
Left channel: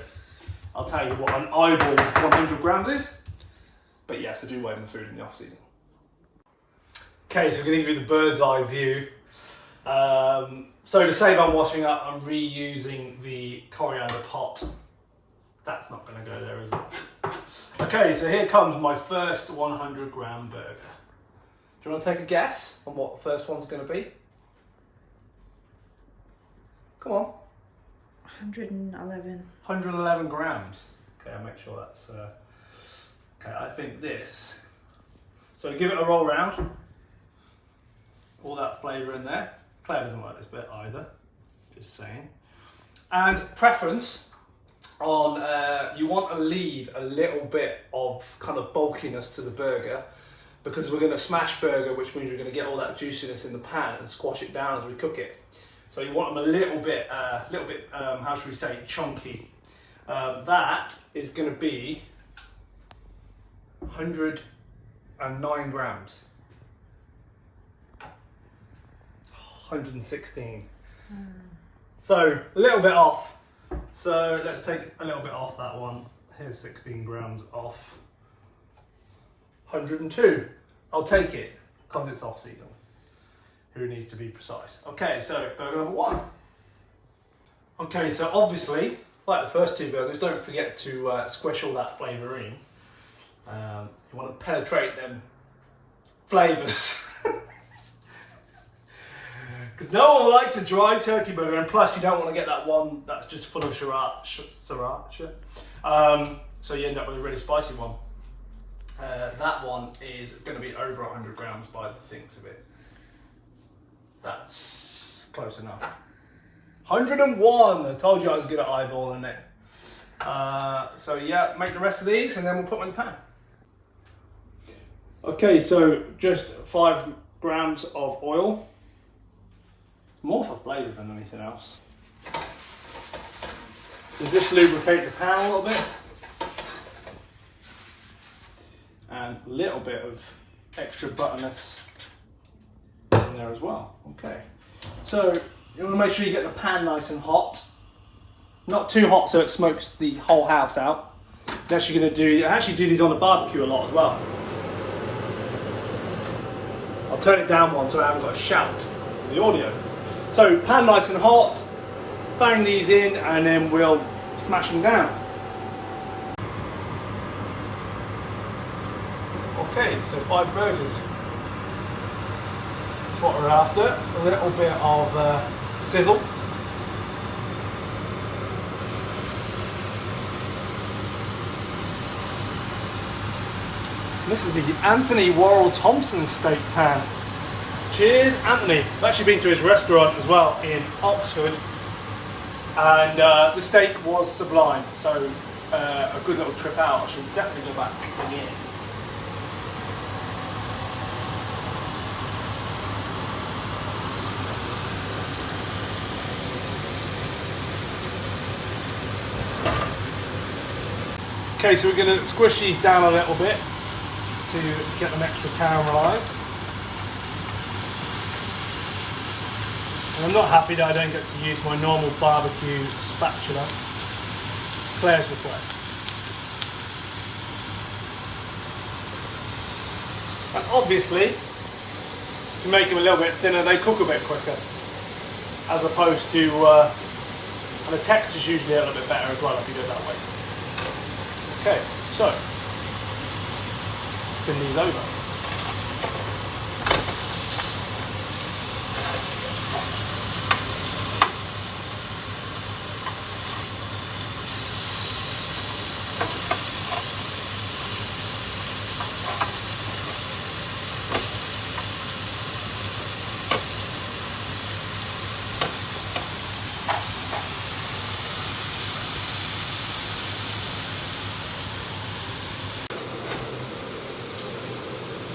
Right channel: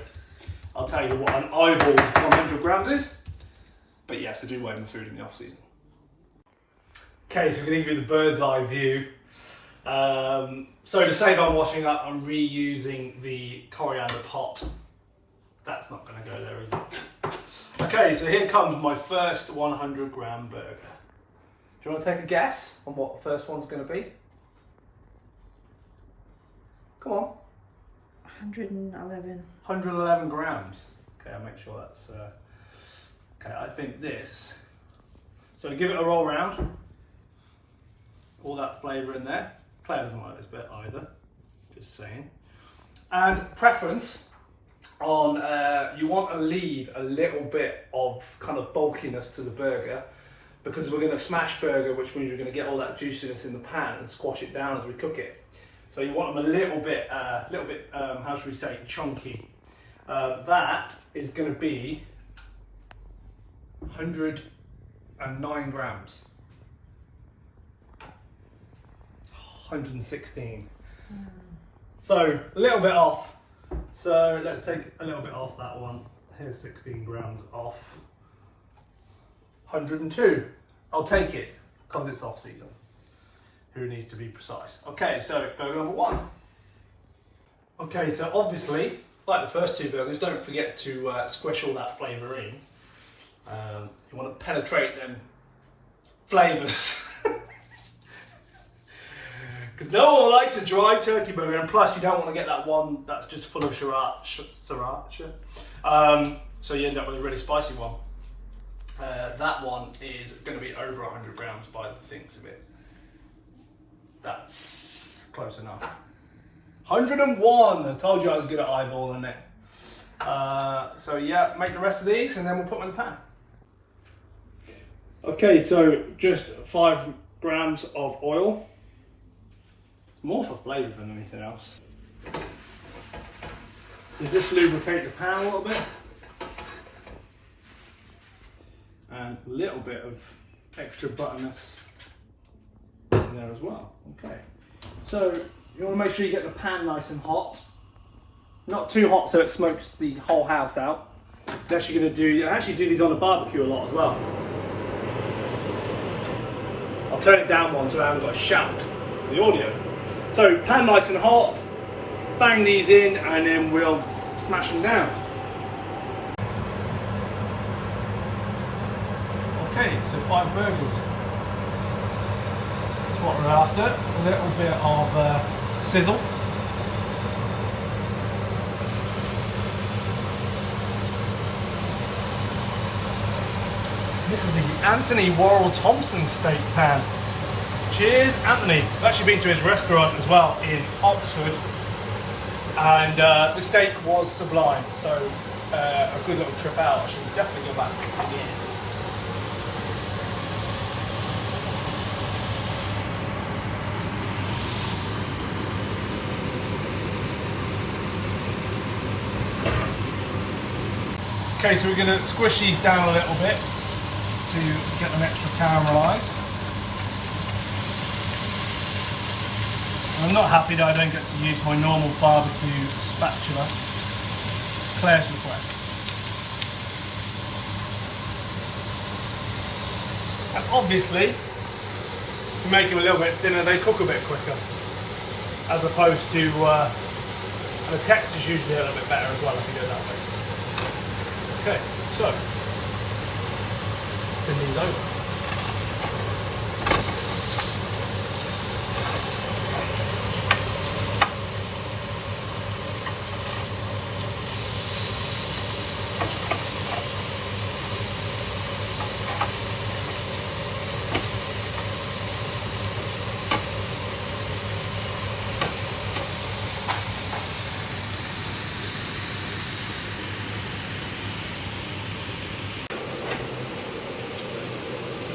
I'll tell you what an eyeball 100 grams is. But yes, I do weigh my food in the off season. Okay, so I'm going to give you the bird's eye view. So to save on washing up, I'm reusing the coriander pot. That's not going to go there, is it? Okay, so here comes my first 100-gram burger. Do you want to take a guess on what the first one's going to be? Come on. 111. 111 grams. Okay, I'll make sure that's... Okay, I think this... So give it a roll round. All that flavour in there. Claire doesn't like this bit either, just saying. And preference on, you want to leave a little bit of kind of bulkiness to the burger because we're going to smash burger, which means we're going to get all that juiciness in the pan and squash it down as we cook it. So you want them a little bit, how should we say, chunky. That is going to be 109 grams. 116. So a little bit off. So let's take a little bit off that one. Here's 16 grams off. 102. I'll take it because it's off season. Who needs to be precise? Okay, so burger number 1. Okay, so obviously, like the first 2 burgers, don't forget to squish all that flavour in. You want to penetrate them flavours. Because no one likes a dry turkey burger, and plus you don't want to get that one that's just full of sriracha. So you end up with a really spicy one. That one is going to be over 100 grams by the thinks of it. That's close enough. 101! I told you I was good at eyeballing it. So yeah, make the rest of these and then we'll put them in the pan. Okay, so just 5 grams of oil. More for flavour than anything else. So just lubricate the pan a little bit. And a little bit of extra butterness in there as well. Okay. So you want to make sure you get the pan nice and hot. Not too hot so it smokes the whole house out. You're actually going to do, I actually do these on the barbecue a lot as well. I'll I'll turn it down one so I haven't got a shout in the audio. So pan nice and hot, bang these in, and then we'll smash them down. Okay, so 5 burgers. What we're after, a little bit of sizzle. This is the Anthony Worrell Thompson steak pan. Cheers, Anthony. I've actually been to his restaurant as well in Oxford, and the steak was sublime. So a good little trip out. I should definitely go back again. Okay, so we're going to squish these down a little bit to get them extra caramelised. I'm not happy that I don't get to use my normal barbecue spatula. Claire's request. And obviously, to make them a little bit thinner, they cook a bit quicker, as opposed to, and the texture's usually a little bit better as well if you do it that way. Okay, so spin these over.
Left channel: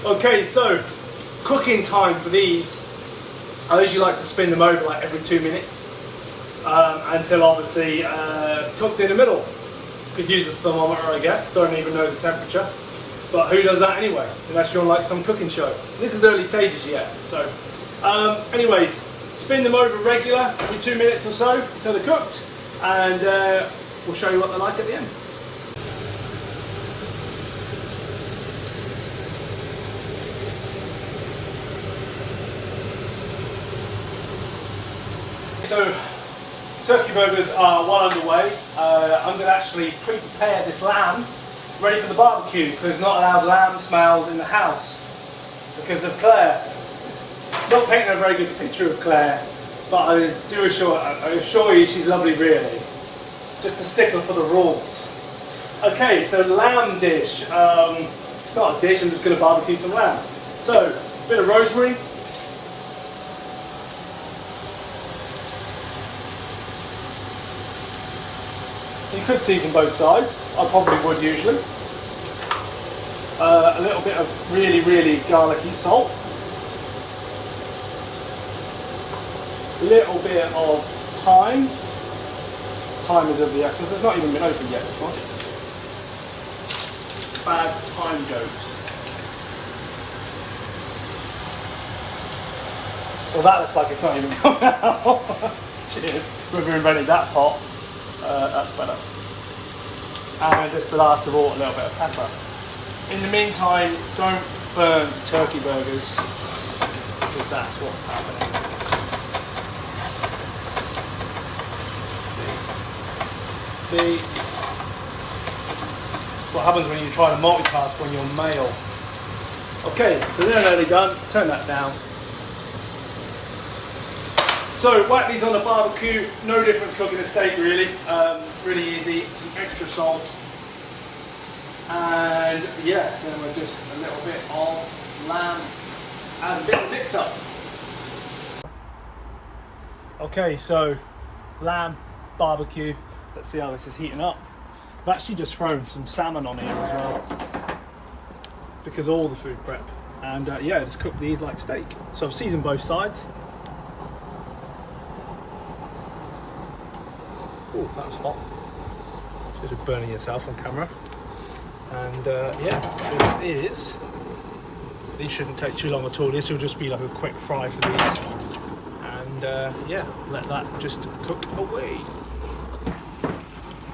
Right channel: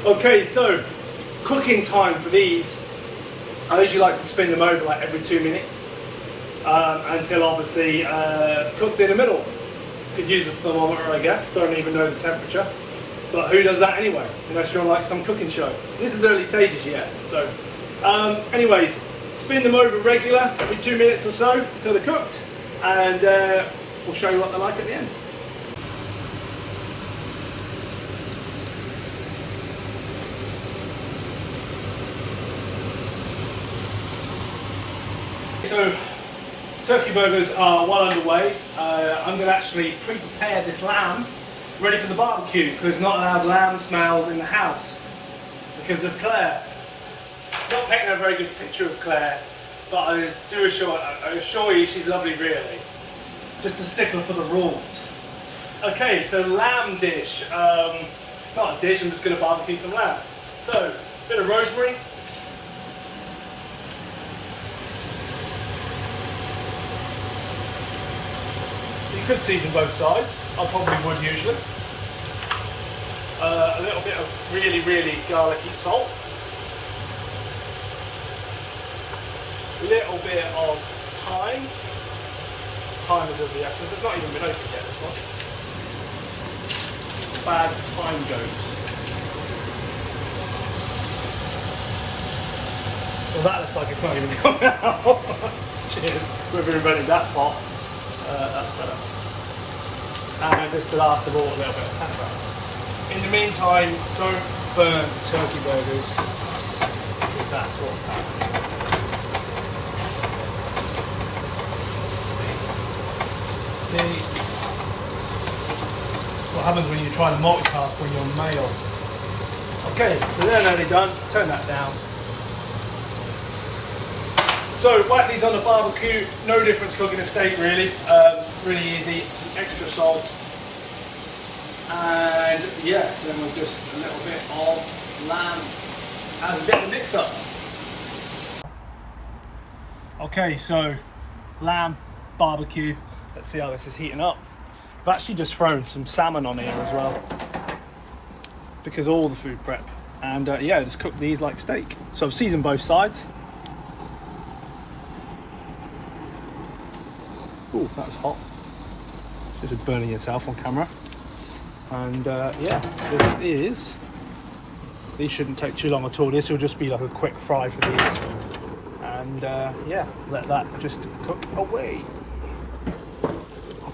Okay, so cooking time for these. I usually like to spin them over like every 2 minutes until obviously cooked in the middle. Could use a thermometer, I guess. Don't even know the temperature, but who does that anyway? Unless you're on like some cooking show. This is early stages yet. So, anyways, spin them over regular every 2 minutes or so until they're cooked, and we'll show you what they're like at the end. So, turkey burgers are well underway. I'm going to actually pre-prepare this lamb ready for the barbecue, because not allowed lamb smells in the house because of Claire. Not painting a very good picture of Claire, but I assure you she's lovely really. Just a stickler for the rules. Okay, so lamb dish. It's not a dish, I'm just going to barbecue some lamb. So, a bit of rosemary. You could season both sides. I probably would usually. A little bit of really, really garlicky salt. A little bit of thyme. Thyme is of the essence. It's not even been opened yet, this one. Bad thyme ghost. Well, that looks like it's not even coming out. Cheers. Whoever invented that pot. That's better. And just the last of all, a little bit of pepper. In the meantime, don't burn turkey burgers, because that's what. Okay. What happens when you try to multitask when you're male? Okay, so they're nearly done. Turn that down. So, whack these on the barbecue, no difference cooking a steak really, really easy, some extra salt, and yeah, then we'll just a little bit of lamb as a bit of mix up. Okay, so lamb, barbecue, let's see how this is heating up. I've actually just thrown some salmon on here as well, because of all the food prep, and yeah, just cook these like steak. So I've seasoned both sides. Ooh, that's hot. Should have burning yourself on camera. And yeah, these shouldn't take too long at all. This will just be like a quick fry for these. And yeah, let that just cook away.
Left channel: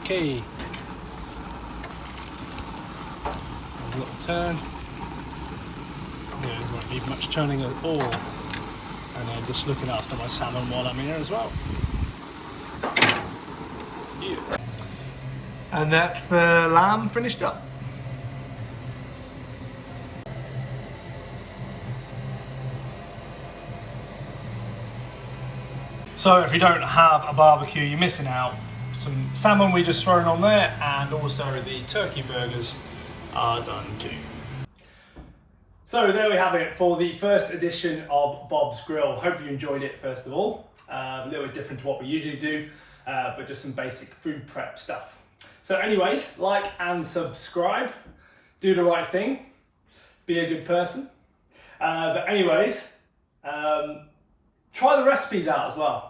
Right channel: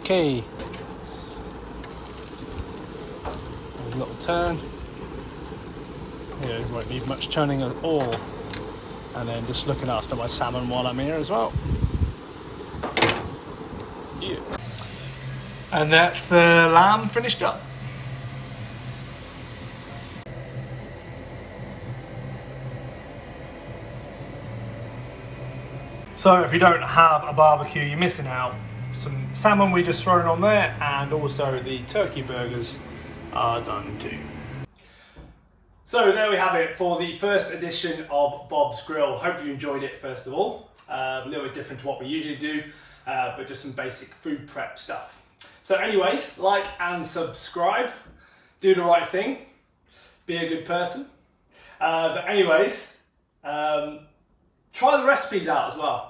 Okay. Have a little turn. won't need much churning at all. And then just looking after my salmon while I'm here as well. Yeah. And that's the lamb finished up. So if you don't have a barbecue, you're missing out. Some salmon we just thrown on there, and also the turkey burgers are done too. So there we have it for the first edition of Bob's Grill. Hope you enjoyed it first of all. A little bit different to what we usually do, but just some basic food prep stuff. So anyways, like and subscribe, do the right thing, be a good person. But anyways, try the recipes out as well.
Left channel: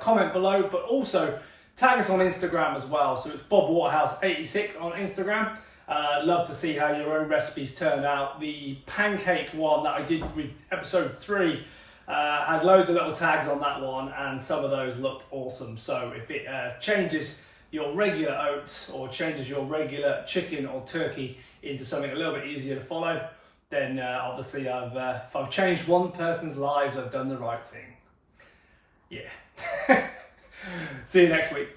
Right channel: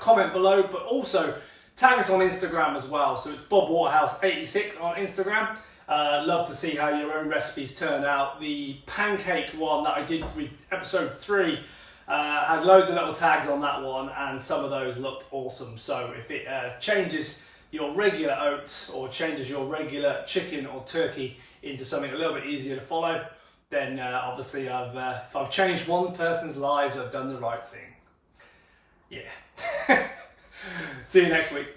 Comment below, but also tag us on Instagram as well. So it's Bob Waterhouse 86 on Instagram. Love to see how your own recipes turn out. The pancake one that I did with episode 3 had loads of little tags on that one, and some of those looked awesome. So if it changes your regular oats or changes your regular chicken or turkey into something a little bit easier to follow, then obviously if I've changed one person's lives, I've done the right thing. Yeah. See you next week.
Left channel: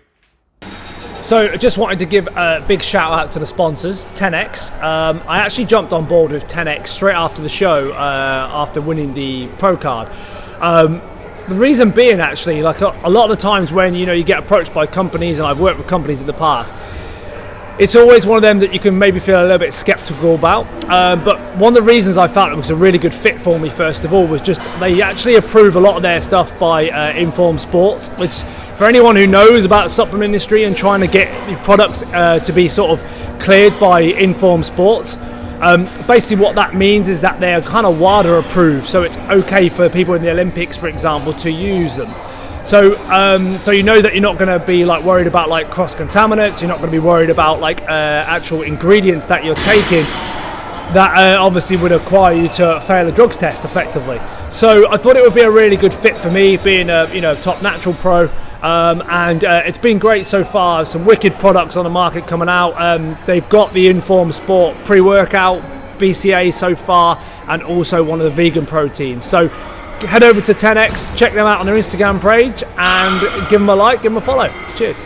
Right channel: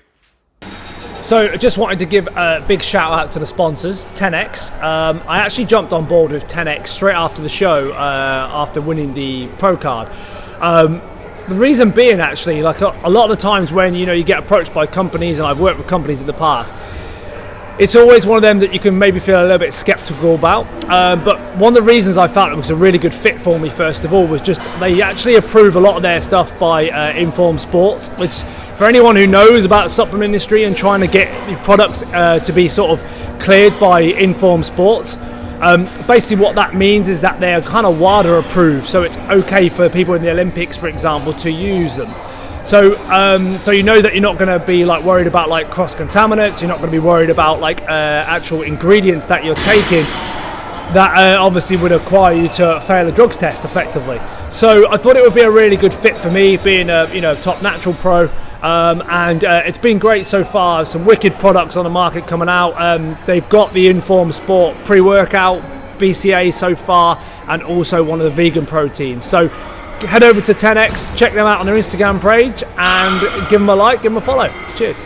So I just wanted to give a big shout out to the sponsors, 10X. I actually jumped on board with 10X straight after the show, after winning the pro card. The reason being, actually, like a lot of the times when you get approached by companies, and I've worked with companies in the past, it's always one of them that you can maybe feel a little bit skeptical about. But one of the reasons I felt it was a really good fit for me, first of all, was just they actually approve a lot of their stuff by Informed Sports, which for anyone who knows about the supplement industry and trying to get your products to be sort of cleared by Informed Sports, basically what that means is that they are kind of WADA approved, so it's okay for people in the Olympics, for example, to use them. So you know that you're not going to be like worried about like cross contaminants. You're not going to be worried about like actual ingredients that you're taking that obviously would require you to fail a drugs test effectively. So I thought it would be a really good fit for me, being a top natural pro, and it's been great so far. Some wicked products on the market coming out. They've got the Informed Sport pre-workout, BCA so far, and also one of the vegan proteins. So head over to 10X, check them out on their Instagram page, and give them a like, give them a follow. Cheers.